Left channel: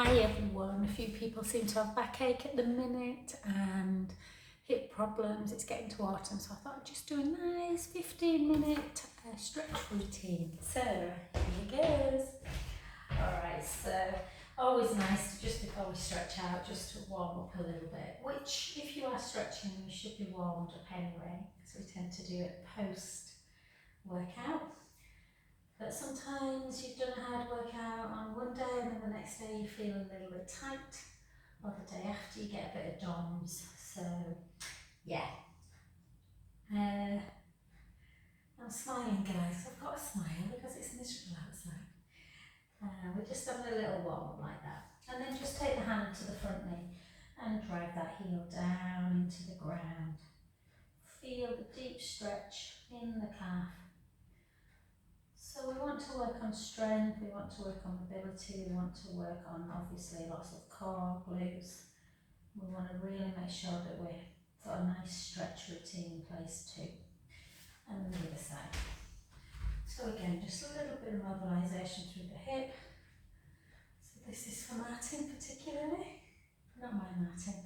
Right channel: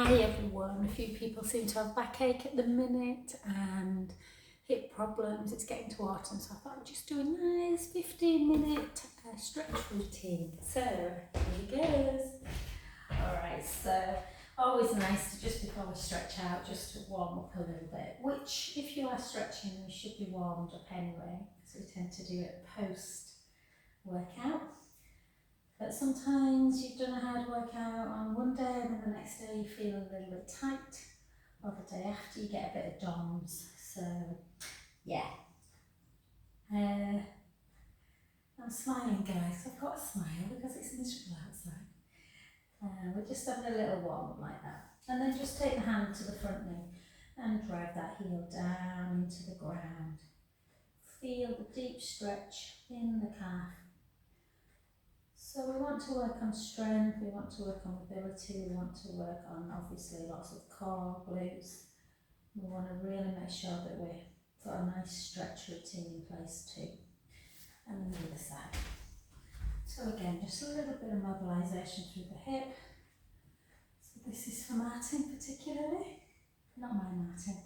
Hi everyone. A few people seem to have backache at the minute and hip problems. It's getting to autumn, so I thought I'd just do a nice 15-minute stretch routine. So here goes. Alright, so always nice to just before we stretch out, just to warm up a little bit, which if you are stretching, you should be warmed up anyway, because we tend to do it post workout. But sometimes you've done a hard workout on one day and then the next day you feel a little bit tight, or the day after you get a bit of DOMS. So yeah, I'm smiling guys. I've got a smile because it's miserable outside. We're just having a little warm up like that. And then just take the hand to the front knee and drive that heel down into the ground. Feel the deep stretch in the calf. So we want to work on strength, we want to work on mobility, we want to work on obviously lots of core, glutes. We want to really make sure that we've got a nice stretch routine in place too. And then the other side. So again, just a little bit of mobilisation through the hip. So this is for Martin particularly, not my Martin.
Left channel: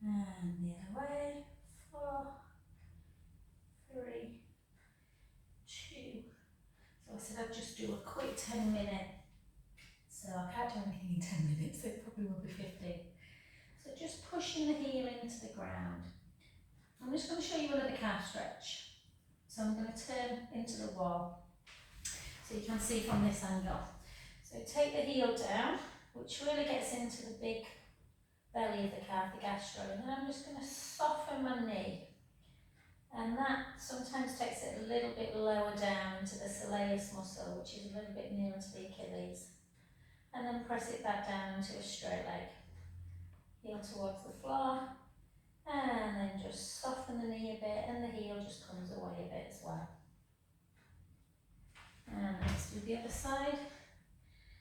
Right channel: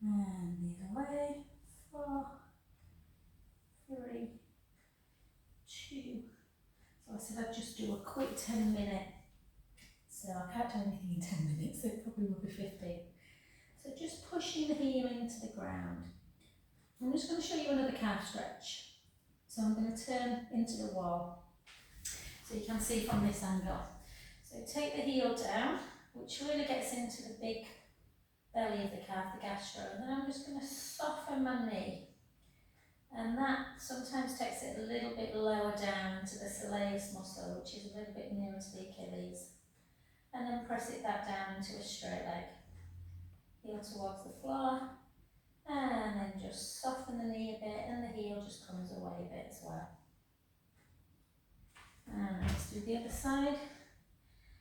And the other way, 4, 3, 2. So I said I'd just do a quick 10-minute. So I can't do anything in 10 minutes, so it probably will be 15. So just pushing the heel into the ground. I'm just going to show you another calf stretch. So I'm going to turn into the wall so you can see from this angle. So take the heel down, which really gets into the big belly of the calf, the gastro, and then I'm just going to soften my knee. And that sometimes takes it a little bit lower down to the soleus muscle, which is a little bit nearer to the Achilles. And then press it back down into a straight leg. Heel towards the floor. And then just soften the knee a bit and the heel just comes away a bit as well. And let's do the other side.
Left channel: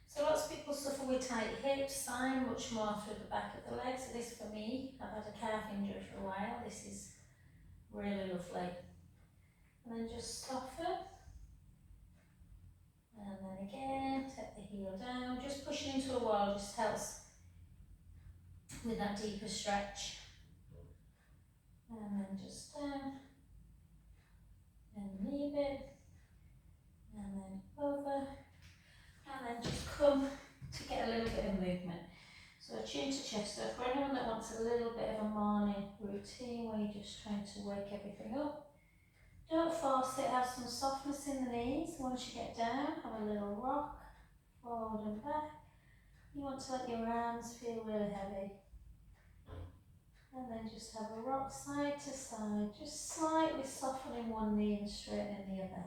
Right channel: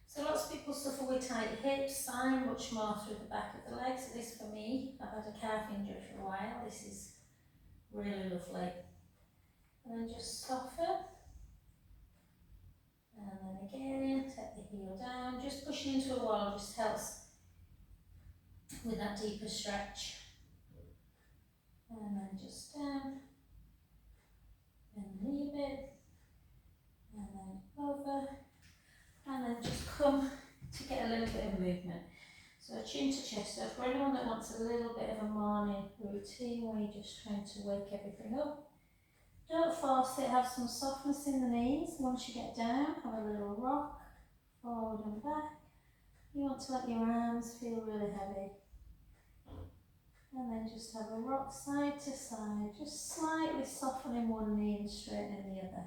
So lots of people suffer with tight hips, I much more through the back of the legs. So this for me, I've had a calf injury for a while. This is really lovely. And then just soften. And then again, set the heel down. Just pushing into a wall just helps with that deeper stretch. And then just down. And knee a bit. And then over. And then just come to get a little bit of movement. So chin to chest. So for anyone that wants a little bit of a morning routine where you're just trying to wake everything up, don't force it, have some softness in the knees. Once you get down, have a little rock, forward and back. You want to let your arms feel really heavy. And then just have a rock side to side, just slightly softening one knee and straightening the other.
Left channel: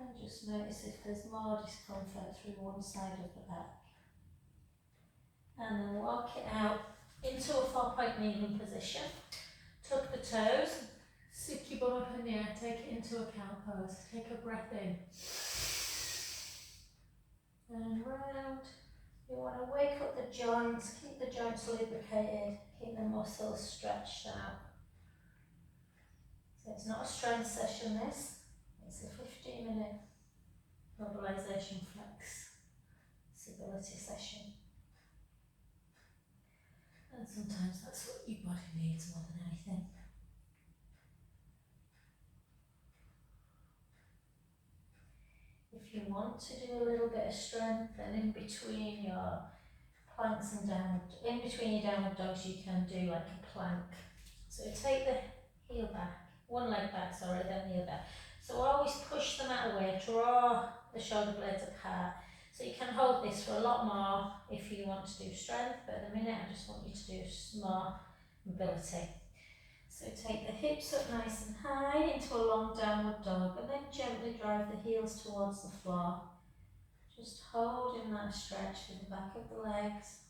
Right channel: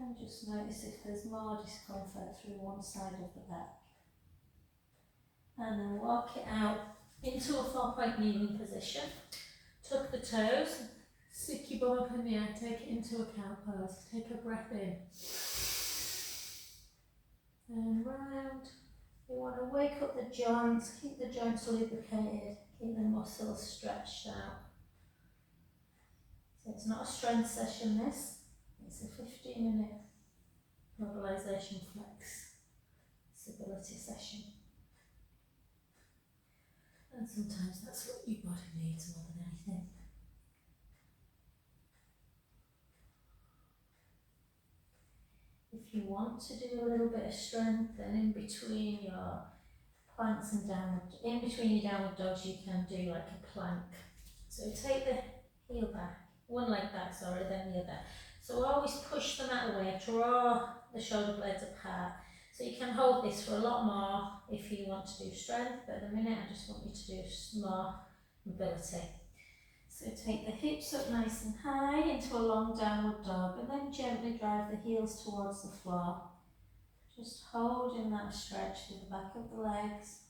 And just notice if there's more discomfort through one side of the back. And then walk it out into a 4-point kneeling position. Tuck the toes, stick your bum up in the air, take it into a cow pose. Take a breath in. And round. You want to wake up the joints, keep the joints lubricated, keep the muscles stretched out. So it's not a strength session this, it's a 15-minute mobilisation flexibility session. And sometimes that's what your body needs more than anything. If you want to do a little bit of strength, then in between your planks and in between your downward dogs, you can do like a plank. So take the heel back, one leg back, sorry, then the other. So always push them out of the way, draw the shoulder blades apart. So you can hold this for a lot more if you want to do strength, but at the minute I just want you to do more mobility. So take the hips up nice and high into a long downward dog and then gently drive the heels towards the floor. Just holding that stretch with the back of the legs.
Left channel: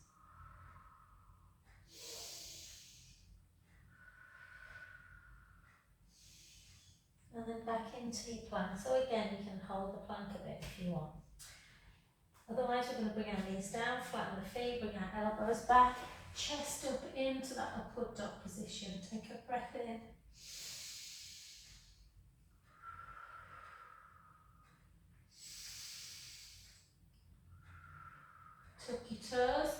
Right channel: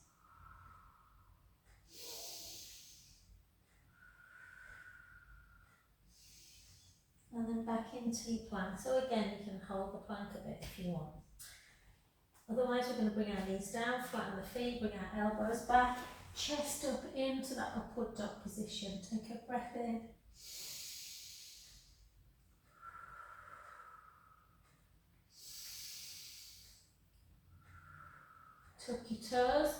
And then back into your plank. So again, you can hold the plank a bit if you want. Otherwise, we're going to bring our knees down, flatten the feet, bring our elbows back, chest up into that upward dog position. Take a breath in. tuck your toes,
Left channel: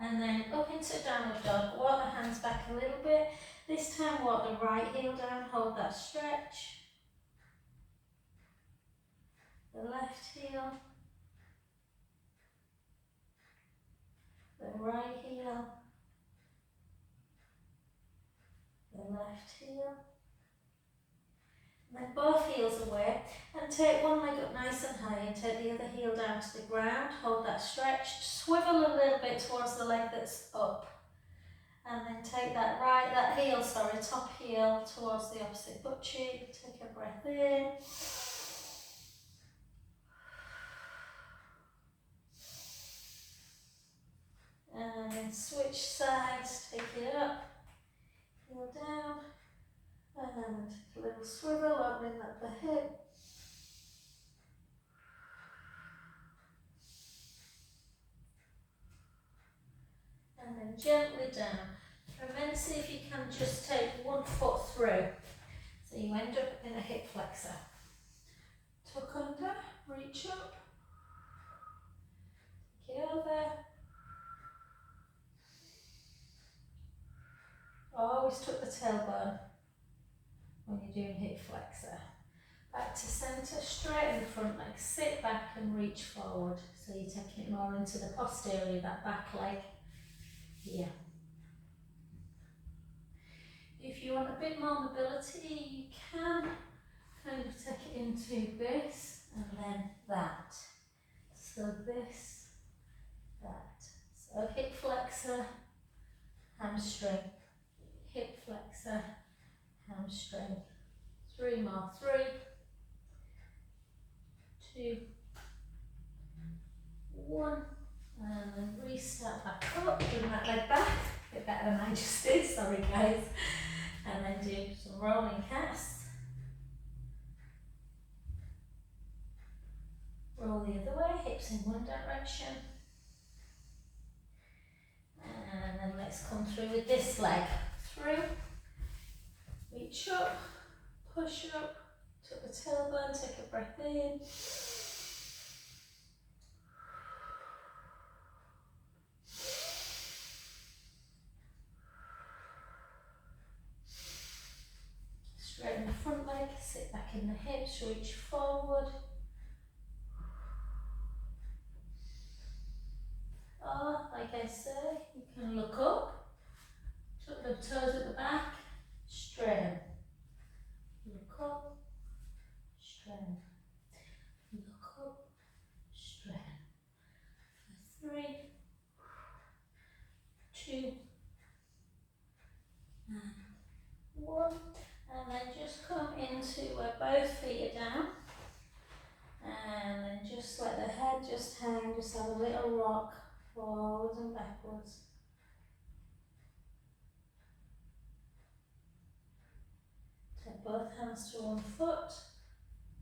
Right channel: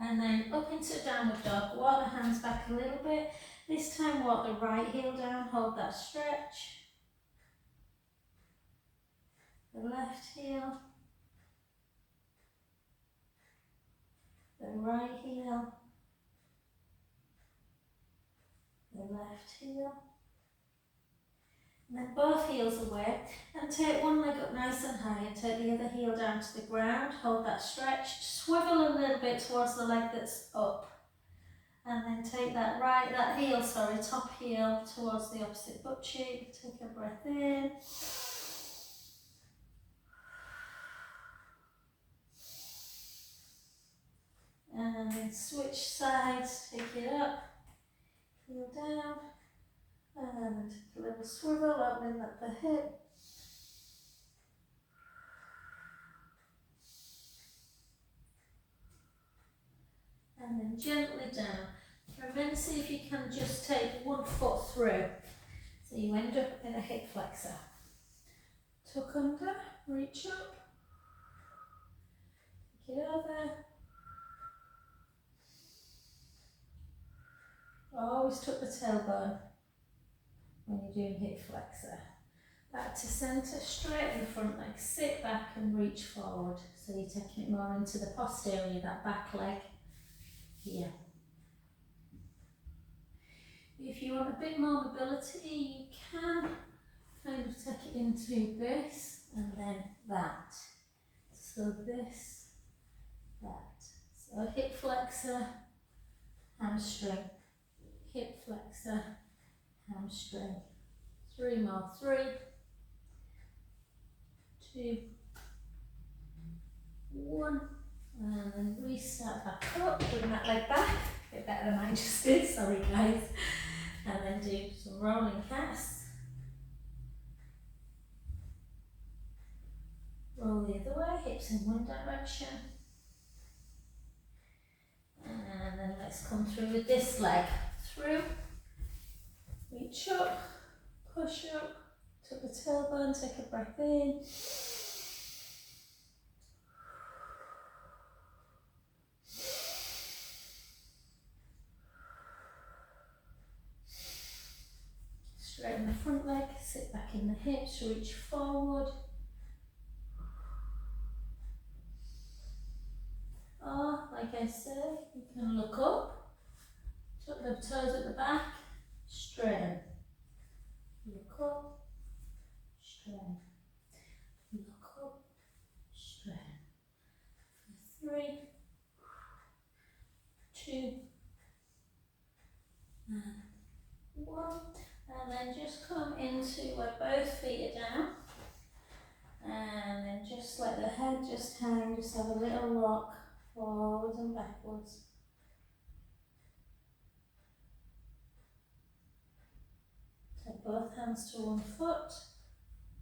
and then up into downward dog. Walk the hands back a little bit. This time walk the right heel down, hold that stretch. The left heel, the right heel, the left heel. And then both heels away, and take one leg up nice and high and take the other heel down to the ground, hold that stretch, swivel a little bit towards the leg that's up, and then take that top heel towards the opposite butt cheek, take a breath in, and then switch sides, take it up, heel down, and then take a little swivel, opening up the hip. And then gently down. And then see if you can just take one foot through. So you end up in a hip flexor. Tuck under, reach up, take it over. Always tuck the tailbone when you're doing hip flexor. Back to centre, straighten the front leg, sit back and reach forward. So you're taking it more into the posterior, that back leg here. If you want a bit more mobility, you can kind of take it into this and then that. So this, that. So hip flexor, hamstring, hip flexor, hamstring. 3 more, 3, 2, 1, and then restart back up, bring that leg back, a bit better than I just did, sorry guys. And then do some rolling casts. Roll the other way, hips in one direction. And then let's come through with this leg. Through, reach up, push up, tuck the tailbone, take a breath in. Straighten the front leg, sit back in the hips, reach forward. Or, like I said, you can look up, tuck the toes at the back, straighten. Look up, straighten. Look up, straighten. For 3, 2, and 1. And then just come into where both feet are down. And then just let the head just hang, just have a little rock forwards and backwards. Take both hands to one foot.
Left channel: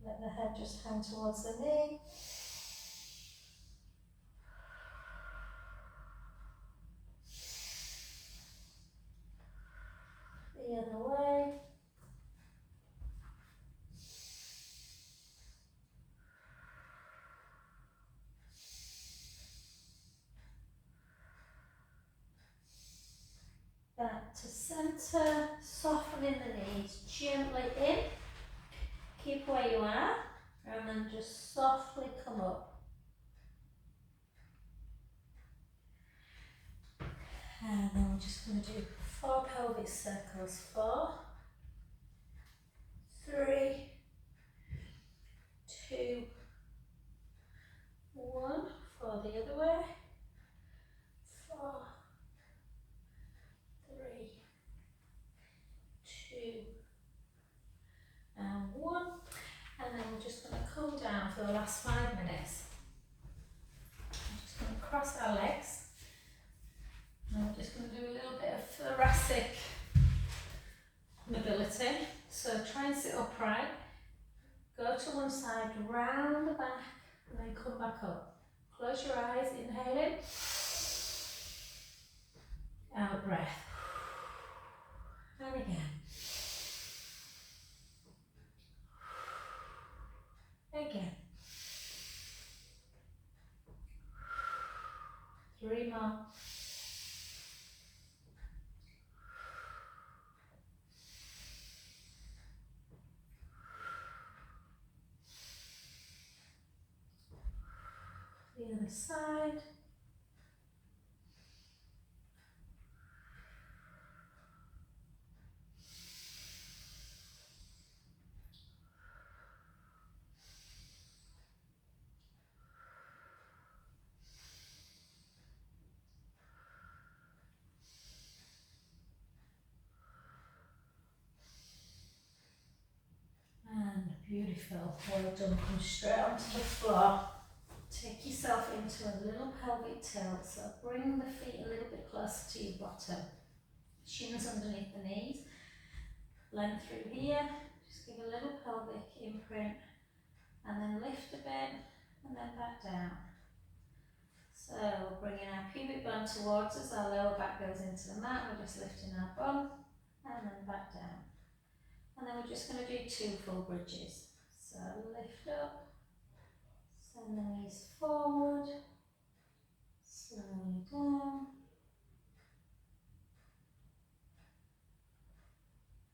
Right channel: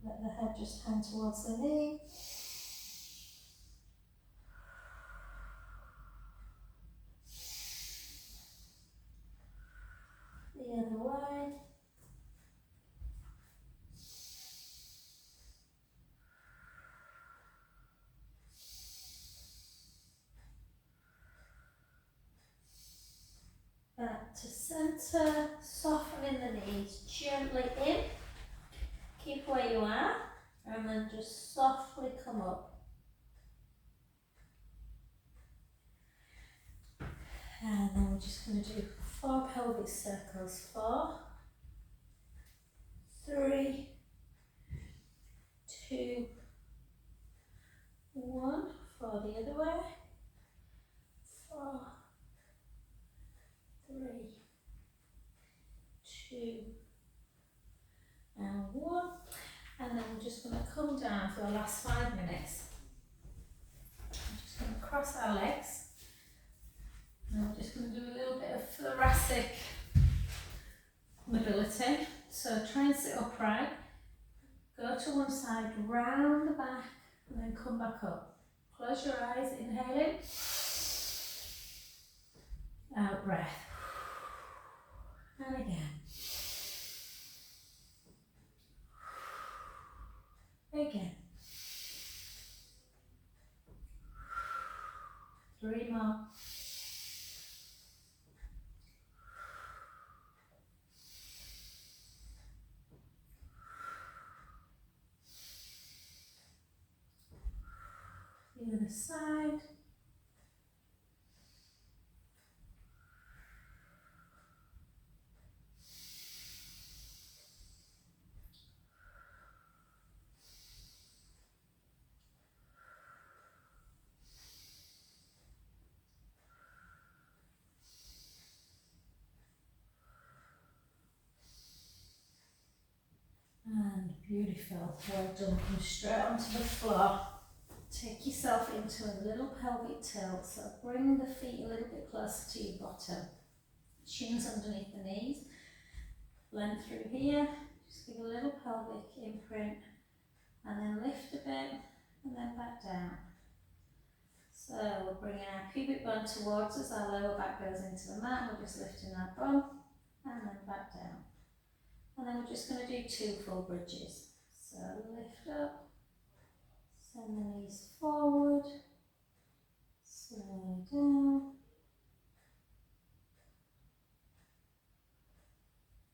Let the head just hang towards the knee. The other way. Back to centre, softening the knees gently in. Keep where you are, and then just softly come up. And then we're just going to do 4 pelvic circles. 4, 3, 2, 1. For the other way. 4, 3, 2, and 1. And then we're just going to come down for the last 5 minutes. I'm just going to cross our legs. And we're just going to do a little bit of thoracic mobility. So try and sit upright. Go to one side, round the back, and then come back up. Close your eyes, inhale in. Out breath. And again. Again. 3 more. The other side. And beautiful. Well done. Come straight onto the floor. Take yourself into a little pelvic tilt. So bring the feet a little bit closer to your bottom. Shins underneath the knees. Length through here. Just give a little pelvic imprint. And then lift a bit. And then back down. So we're bringing our pubic bone towards us. Our lower back goes into the mat. We're just lifting our bum. And then back down. And then we're just going to do 2 full bridges. So lift up, send the knees forward, slowly down,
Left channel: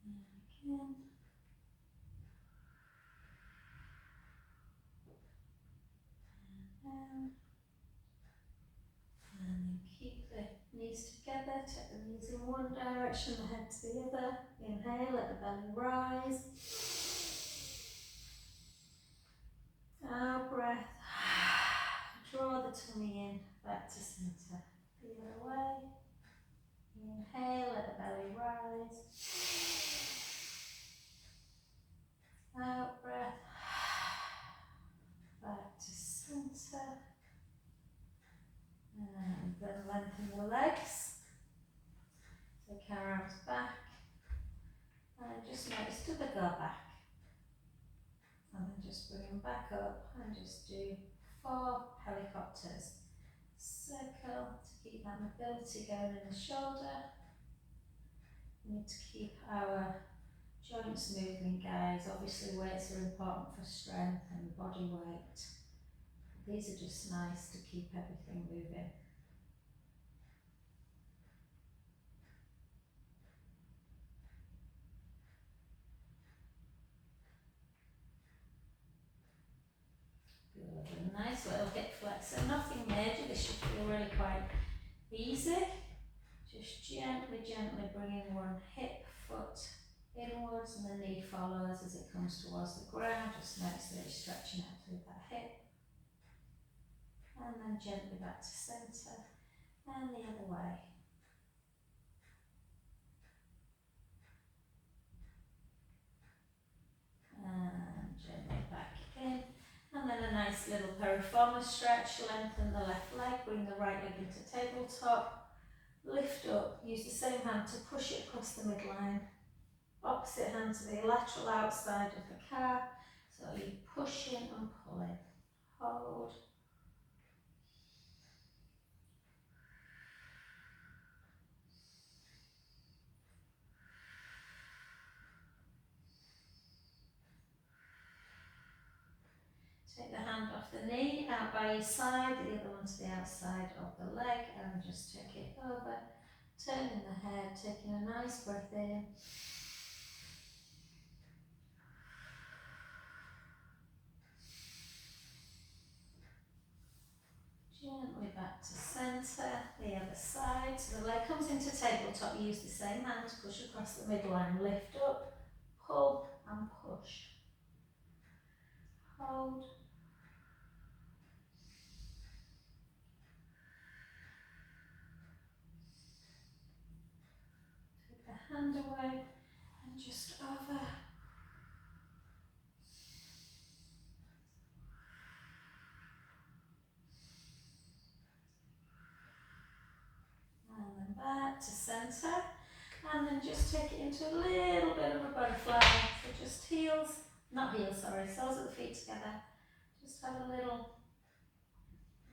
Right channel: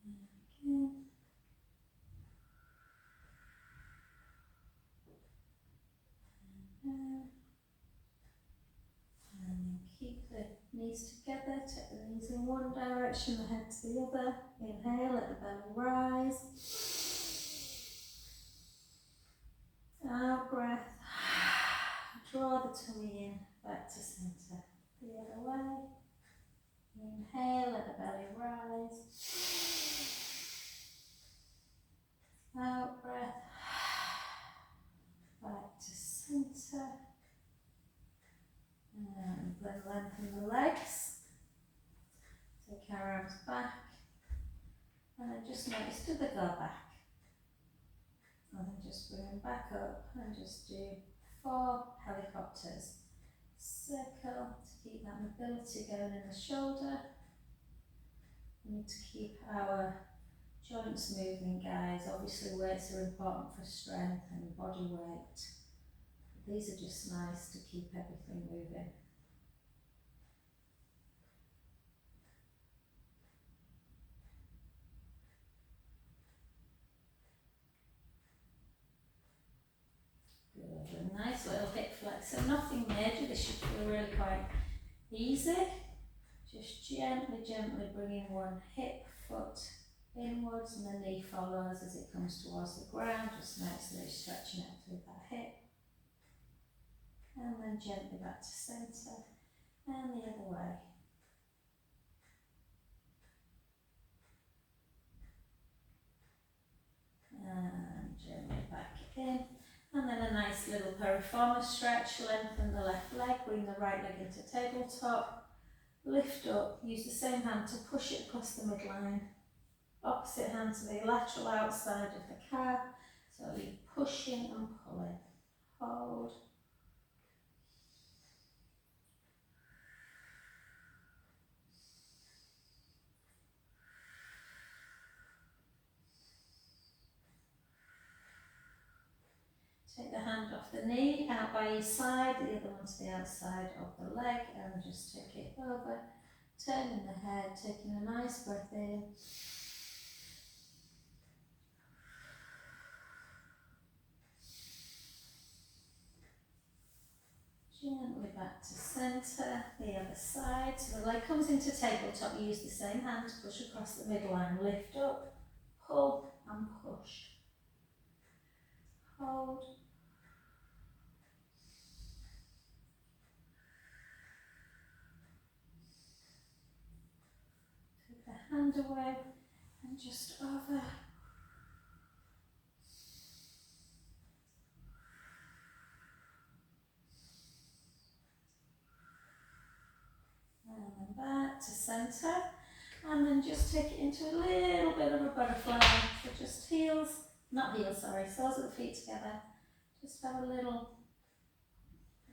and again, and down, and then keep the knees together, take the knees in one direction, the head to the other, inhale, let the belly rise, out breath, draw the tummy in, back to centre, the other way. Inhale, let the belly rise. Out breath. Back to centre. And then lengthen the legs. Take our arms back. And then just notice, do they go back? And then just bring them back up and just do 4 helicopters. Circle to keep that mobility going in the shoulder. We need to keep our joints moving, guys. Obviously weights are important for strength and body weight. These are just nice to keep everything moving. Good, a nice little hip flexor, nothing major, this should feel really quite easy. Just gently, gently bringing one hip, foot inwards and the knee follows as it comes towards the ground. Just notice that it's stretching out through that hip. And then gently back to centre and the other way. And gently back in. And then a nice little piriformis stretch. Lengthen the left leg, bring the right leg into tabletop. Lift up, use the same hand to push it across the midline. Opposite hand to the lateral outside of the calf. So you're pushing and pulling. Hold. Take the hand off the knee, out by your side, the other one to the outside of the leg, and just take it over. Turning the head, taking a nice breath in. Gently back to centre, the other side. So the leg comes into tabletop, use the same hand to push across the midline. Lift up, pull and push. Hold. Take the hand away and just over. And then back to centre. And then just take it into a little bit of a butterfly. So just heels, not heels, sorry, soles of the feet together. Just have a little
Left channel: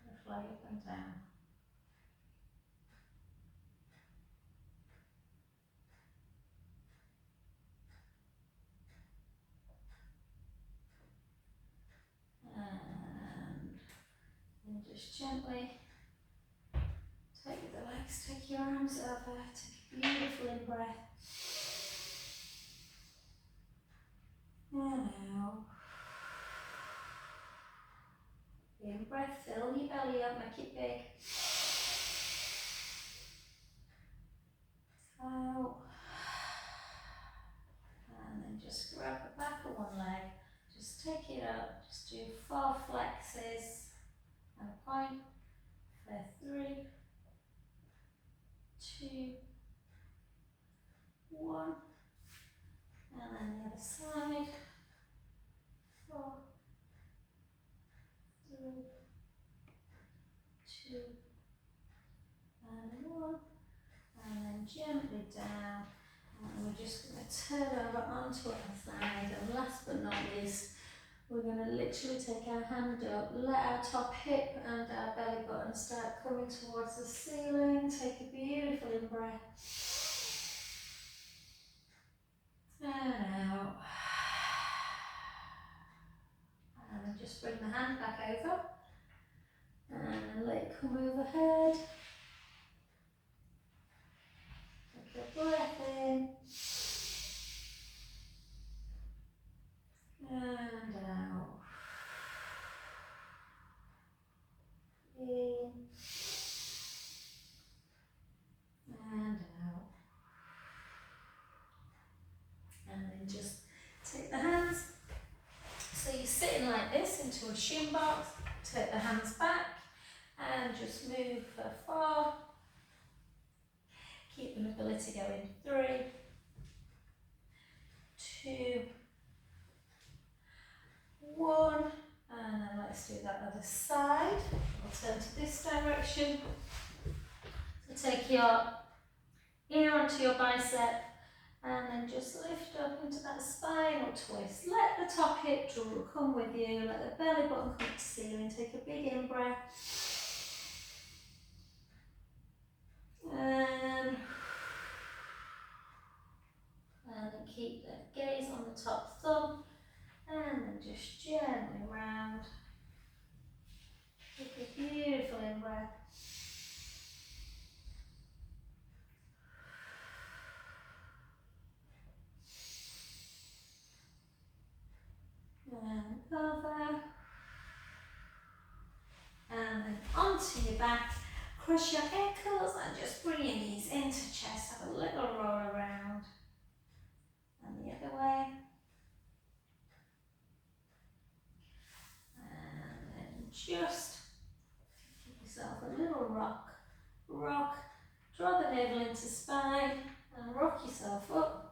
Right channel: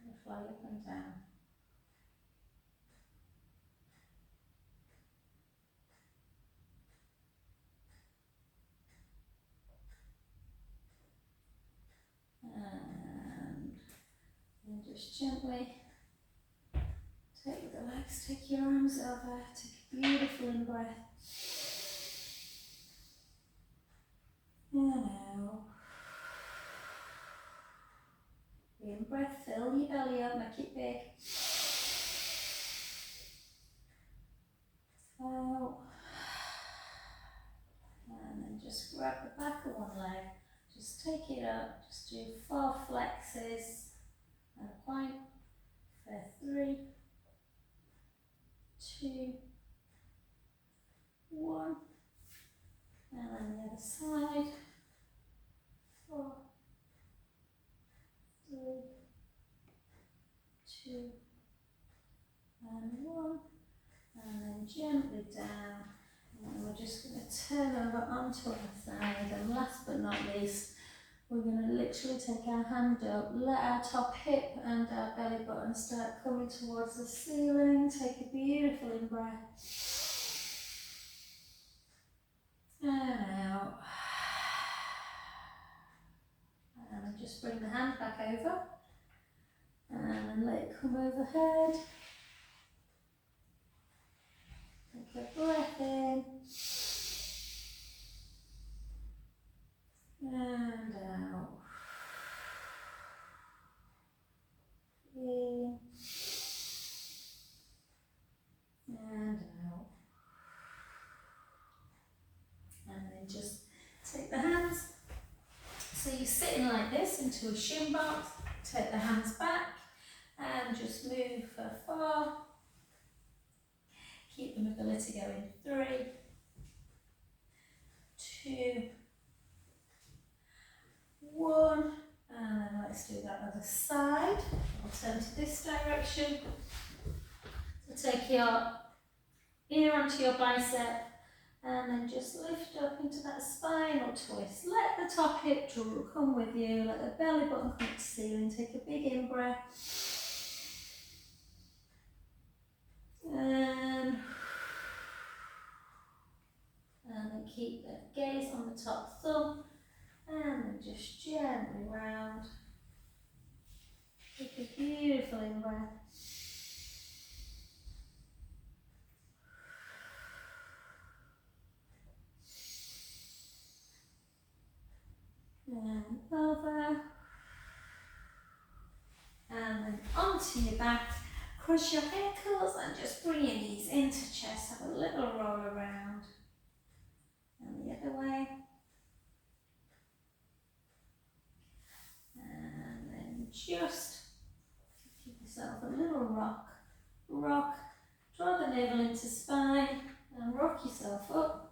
butterfly up and down. And then just gently Take the legs, take your arms over, take a beautiful in breath. And out. In breath, fill your belly up, make it big. Out. And then just grab the back of one leg, just take it up, just do 4 flexes and a point for 3, 2, 1, and then the other side, 4, 3, 2, and 1, and then gently down. And we're just going to turn over onto our side, and last but not least, we're going to literally take our hand up, let our top hip and our belly button start coming towards the ceiling. Take a beautiful in breath. And out. And then just bring the hand back over. And then let it come overhead. Take a breath in. And out. In. And out. And then just take the hands. So you're sitting like this into a shin box. Take the hands back and just move for 4. Keep the mobility going. 3, 2, 1. And then let's do that other side. We'll turn to this direction. So take your ear onto your bicep and then just lift up into that spinal twist. Let the top hip come with you. Let the belly button come to the ceiling. Take a big in breath. And then keep the gaze on the top thumb. And then just gently round. Take a beautiful in breath. And over. And then onto your back. Cross your ankles and just bring your knees into chest. Have a little roll around. And the other way. And then just give yourself a little rock. Rock. Draw the navel into spine and rock yourself up.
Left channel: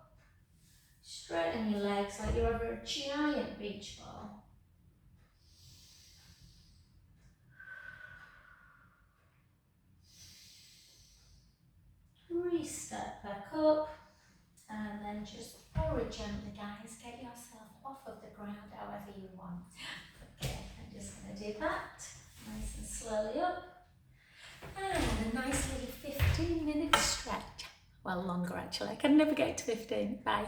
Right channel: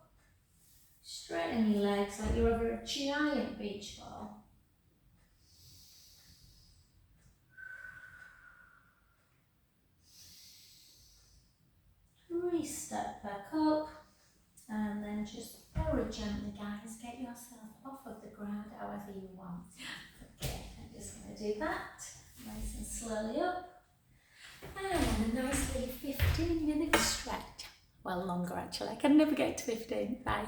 Straighten your legs like you're over a giant beach ball. Step back up and then just very gently, guys, get yourself off of the ground however you want. Okay, I'm just going to do that nice and slowly up, and a nice little 15-minute stretch. Well, longer actually, I can never get to 15. Bye.